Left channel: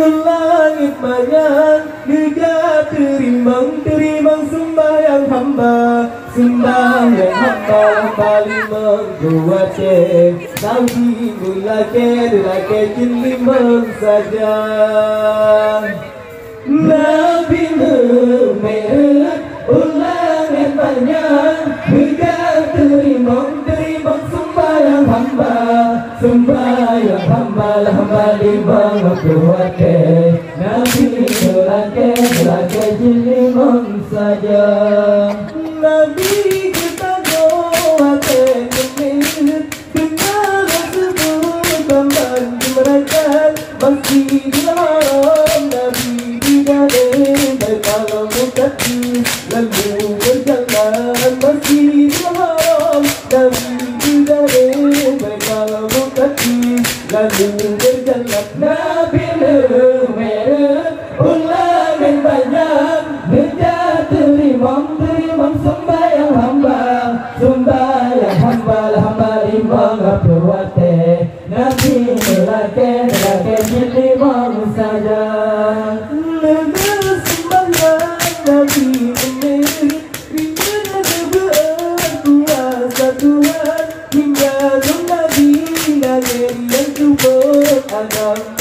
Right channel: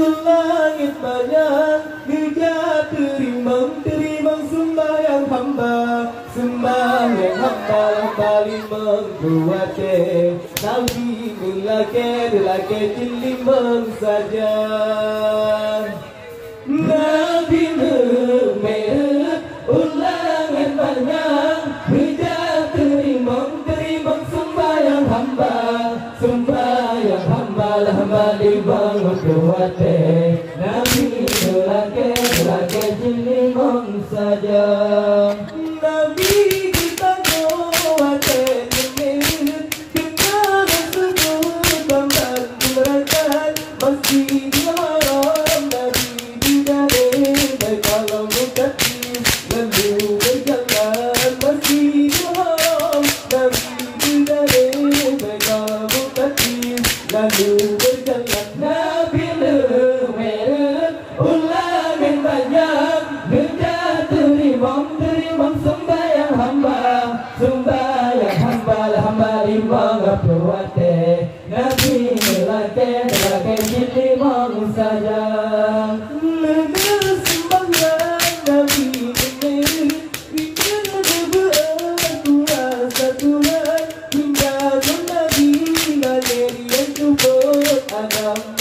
Langit banyak juga terimang sembahyang hamba, sembahyang hamba paling menguatkan salji melake jelimang saja. Nabi Muhammad langit banyak juga terimang sembahyang hamba, sembahyang hamba di bawah kuatnya Nabi melake jelimang saja. Nabi kita kuatkan kenal seluruh bambang merangkal Masjidil Haram. Nabi tidak kalau mukaddim lalu berjalan Masjidil Haram. Nabi tidak kalau mukaddim lalu berjalan. Nabi Muhammad ulangin banyak gejah terimang sembahyang hamba, sembahyang hamba imam berwate Nabi melake jelimang saja. Negara sembahyang Nabi Muhammad hingga kuasa Tuhan hingga Nabi ngalir yang kubur Adam.